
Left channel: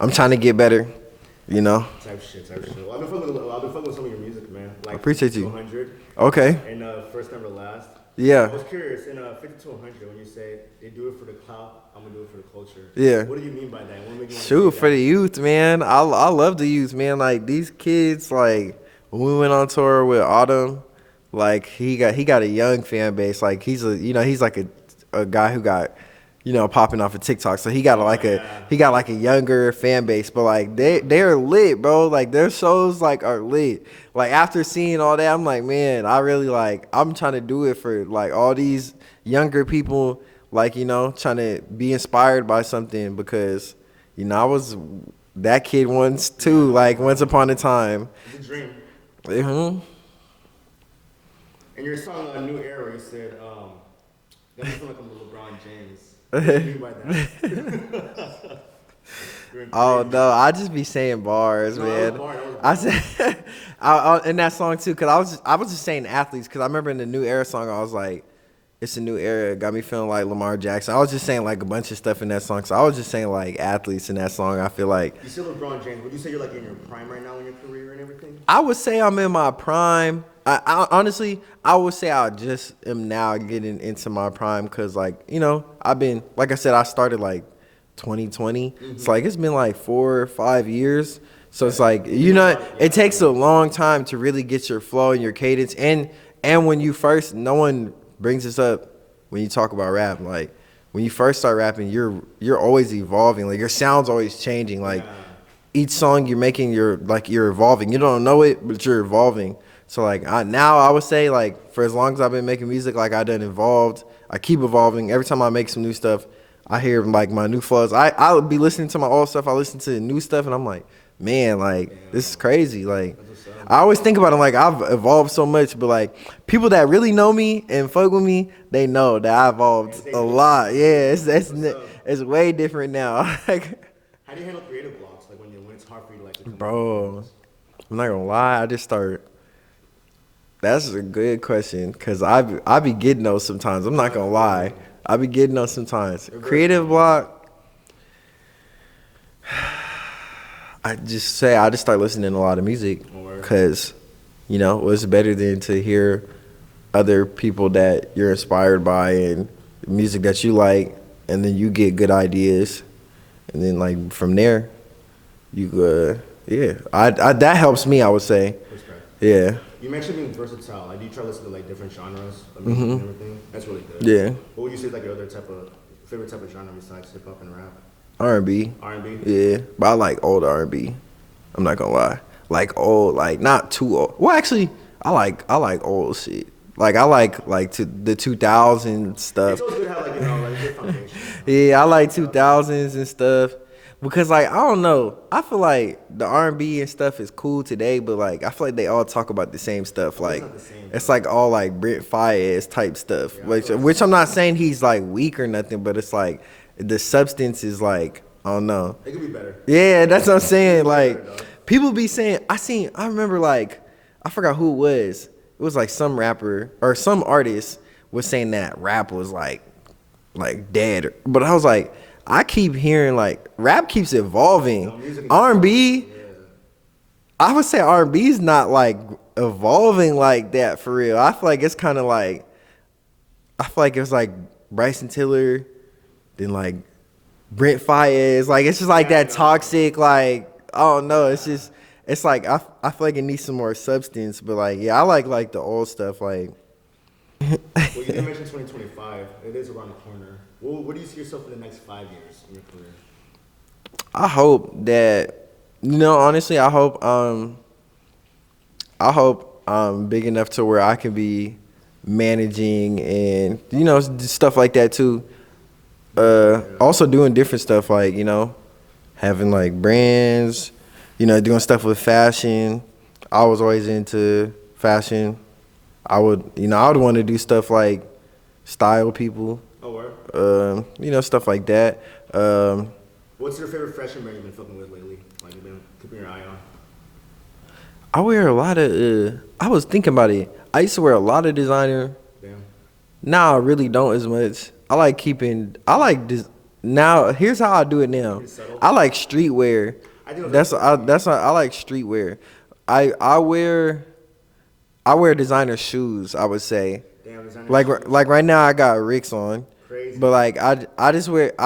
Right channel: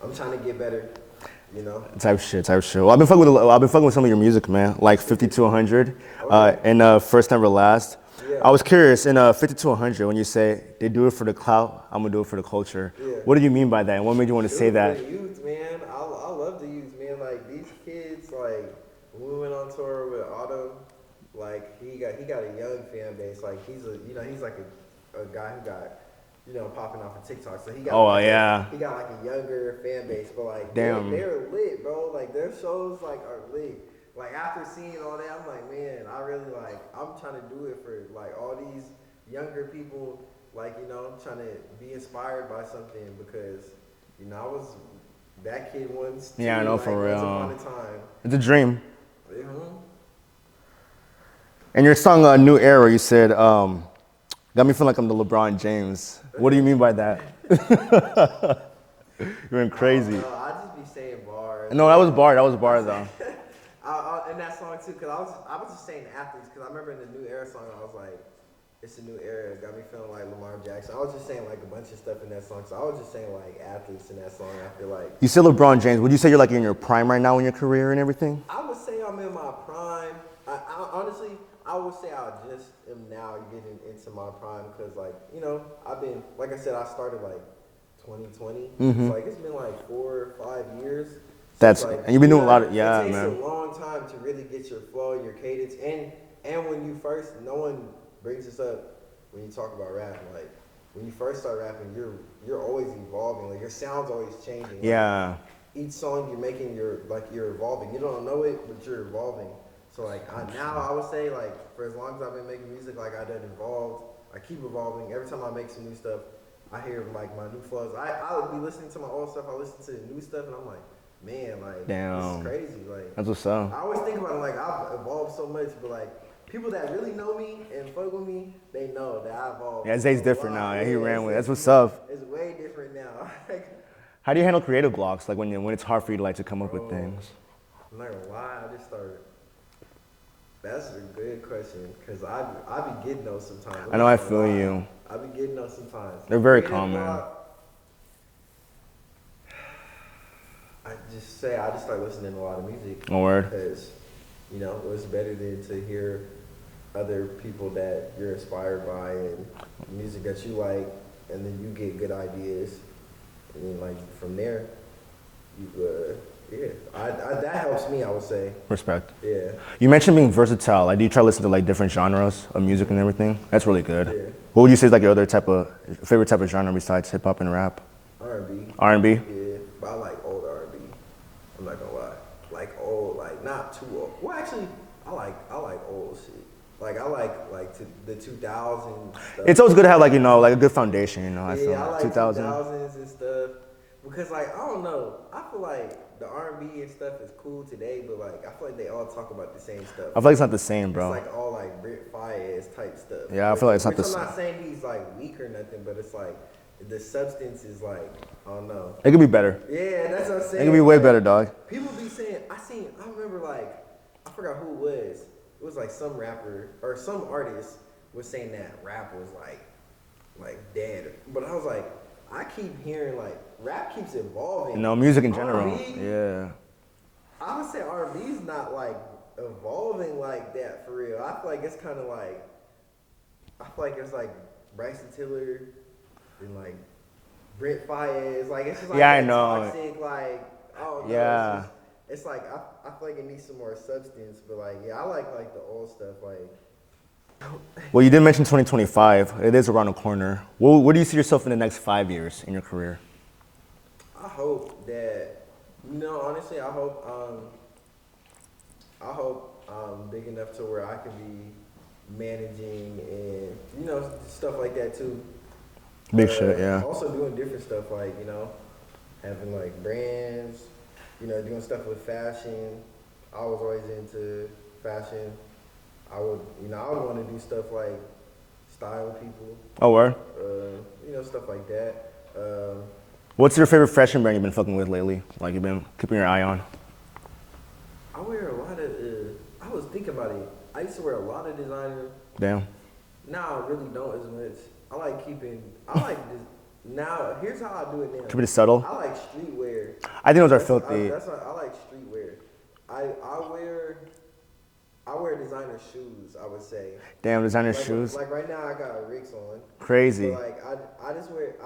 I'm trying to get better. Type shit. Well, I've been fucking with some of your music, man. Like 50 to 100. Okay. And First Never Last. Yeah. I was curious, in 50 to 100, when you say they do it for the clout, I'm gonna do it for the culture. Yeah. What do you mean by that? And what made you want to say that? Shoot, for the youth, man. I love the youth, man. Like these kids, like when we went on tour with Autumn, like he got a young fan base. Like he's like a guy who got, popping off of TikTok. So he got a younger fan base, but like they're lit, bro. Like their shows are lit. Like after seeing all that, I'm like, man, I really I'm trying to do it for like all these younger people, like, trying to be inspired by something because, I was that kid once too, once upon a time. It's a dream. Mm-hmm. And your song, New Era, you said, got me feeling like I'm the LeBron James. What do you mean by that? You're crazy. Oh, no, I just be saying bars. No, man. That was bars. In that song, too, because I was just saying athletes, because I remember in the New Era song, I was like, it's a new era. It got me feeling like Lamar Jackson. I was just saying like a bunch of stuff in that song. So I was just saying like athletes in that song. I feel like. You said LeBron James. Would you say you're like in your prime right now in your career and everything? I would say I'm in my prime. I honestly, I would say I just am now getting into my prime because like, I've been, like I said, I started like 2020. Mm-hmm. It's like, it's been like 4 or 5 years. So it's like, it takes a long time to really get your flow and your cadence. And when you first, no one brings this up when you talk about rap. Like when you first start rapping, you're always evolving. Like your sound's always changing. Like each song you're making, you're evolving. You don't know it, but you're evolving. So like now I would say like for as long as I've been making music, like I done evolved. I keep evolving. Every time I make some new stuff, I hear like my new flows. I'll be listening to my old stuff. I listen to new stuff, and I'm like, man, like this is crazy. Like that's what's up. I always think about it like I've evolved so much, but like people that really know me and fuck with me, they know that I evolved a lot. Man. Yeah, that's what's up. It's way different now. Like, how do you handle creative blocks? Like when it's hard for you to like to come up with things. I'm not gonna lie, I just start. That's a good question, cause I be getting those sometimes. I'm not gonna lie, I be getting those sometimes. Creative block. I just start listening to a lot of music, cause you know what's better than to hear other people that you're inspired by and music that you like, and then you get good ideas, and then like from there, you yeah, that helps me, I would say. Respect. Yeah. You mentioned being versatile. Like, do you try to listen to like different genres of music and everything? That's really good. Yeah. What would you say is like your other favorite type of genre besides hip hop and rap? R&B. R&B? Yeah, but I like old R&B. I'm not gonna lie. Like old, like not too old. Well, actually, I like old shit. Like I like to the 2000s stuff. It's always good to have like like a good foundation. Yeah, I like 2000s and stuff. Because like I don't know, I feel like the R&B and stuff is cool today, but like I feel like they all talk about the same stuff. I feel like it's not the same, bro. It's like all like Brent Faiyaz type stuff. Yeah, which I'm not saying he's like weak or nothing, but it's like the substance is like I don't know. It could be better. Yeah, that's what I'm saying. It could be way like, better, dog. People be saying I remember like I forgot who it was. It was like some rapper or some artist was saying that rap was like dead, but I was like. I keep hearing like rap keeps evolving. Music in R&B. Yeah. I would say R&B is not like evolving like that for real. I feel like it's kind of like I feel like it's like Bryson Tiller, then like Brent Faiyaz. Like it's just like that toxic. Like I don't know. Yeah. It's like I feel like it needs some more substance. But like yeah, I like the old stuff. Like. Well, you did mention 2025. It is around the corner. Where do you see yourself in the next 5 years in your career? I hope that, honestly, I hope I'm big enough to where I can be managing and, stuff like that too. Also doing different stuff like, having like brands, doing stuff with fashion. I was always into fashion. I would want to do stuff like style people. Oh, word? Stuff like that. What's your favorite fashion brand you've been fucking with lately? Like you've been keeping your eye on? I wear a lot of, I was thinking about it. I used to wear a lot of designer. Damn. Now I really don't as much. Now, here's how I do it now. Pretty subtle? I like streetwear. I think that's why I like streetwear. I wear designer shoes, I would say. Damn, designer shoes. Like right now I got Ricks on. Crazy. But like I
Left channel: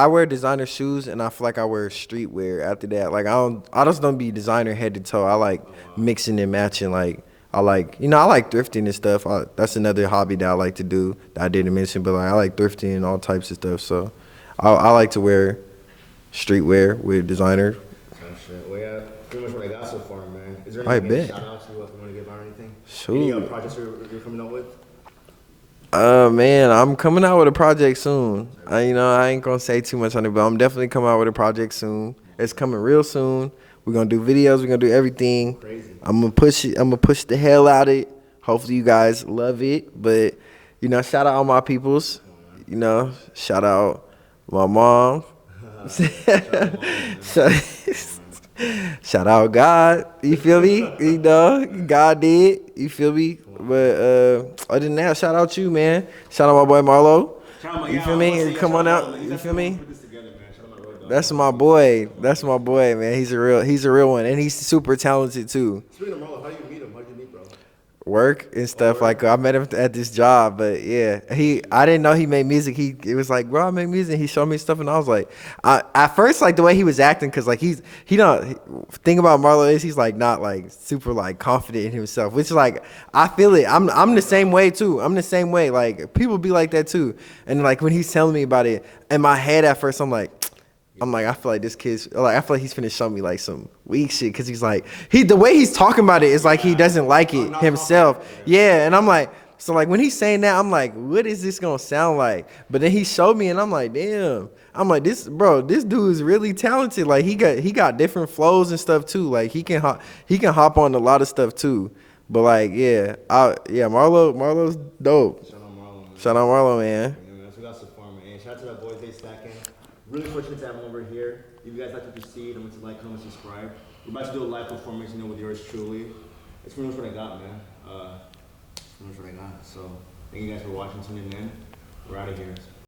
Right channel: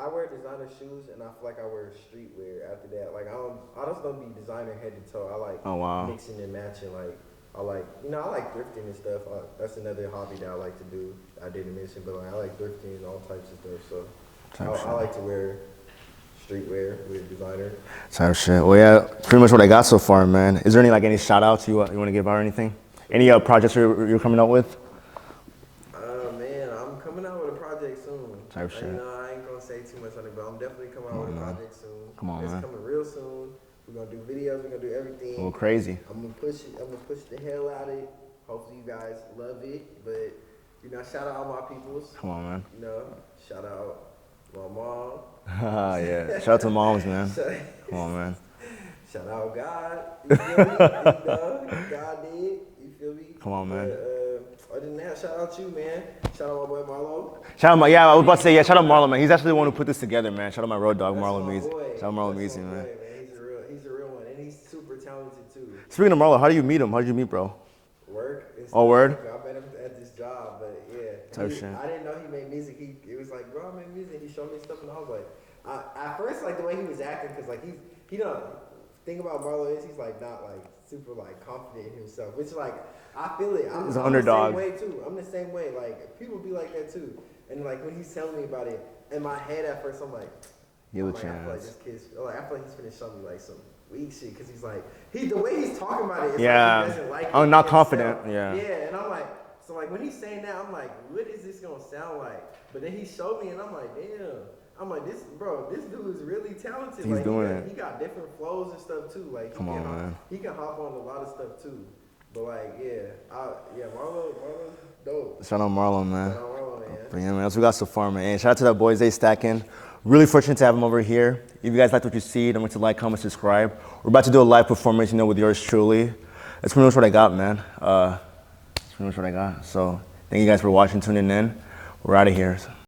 wear designer shoes and I feel like I wear streetwear after that. Like I just don't be designer head to toe. I like mixing and matching. Like I like thrifting and stuff. That's another hobby that I like to do that I didn't mention, but like I like thrifting and all types of stuff. So I like to wear streetwear with designer. Type shit. Well, yeah, pretty much what I got so far, man. Is there any shout outs you want to give out or anything? Sure. Any projects you're coming out with? Man, I'm coming out with a project soon. I ain't gonna say too much on it, but I'm definitely coming out with a project soon. It's coming real soon. We're gonna do videos. We're gonna do everything. Crazy. I'm gonna push it. I'm gonna push the hell out of it. Hopefully you guys love it. But shout out all my peoples. Come on, man. Shout out my mom. Yeah. Shout out to moms, man. Come on, man. Shout out God. You feel me? God did. You feel me? Come on, man. But other than that, shout out you, man. Shout out my boy Marlo. Shout out I was about to say, shout out Marlo, man. He's actually the one who put this together, man. Shout out my road dog. That's Marlo, my boy. That's my boy, man. He's a real one, and he's super talented too. Speaking of Marlo, how do you meet him? How did you meet, bro? Work and stuff. Like I met him at this job, but yeah, I didn't know he made music. It was like, bro, I make music. He showed me stuff, and I was like, at first, like the way he was acting, cause like thing about Marlo is he's like not like super like confident in himself, which is like I feel it. I'm the same way too. I'm the same way. Like people be like that too, and like when he's telling me about it, in my head at first, I'm like, I feel like this kid's like, I feel like he's finna show me like some weak shit, cause he's like, the way he's talking about it is like he doesn't like it himself. Yeah, and I'm like, so like when he's saying that, I'm like, what is this gonna sound like? But then he showed me, and I'm like, damn, I'm like, this dude is really talented. Like he got different flows and stuff too. Like he can hop on a lot of stuff too. But like, Marlo's dope. Shout out Marlo, man. Shout out Marlo, man. Yeah, man. That's what we got so far, man. And shout out to that boy Zay Stackin. Really fortunate to have him over here. If you guys liked what you see, don't forget to like, comment, subscribe. We're about to do a live performance, with yours truly. That's pretty much what I got, man. That's pretty much what I got. So thank you guys for watching, tuning in. We're out of here.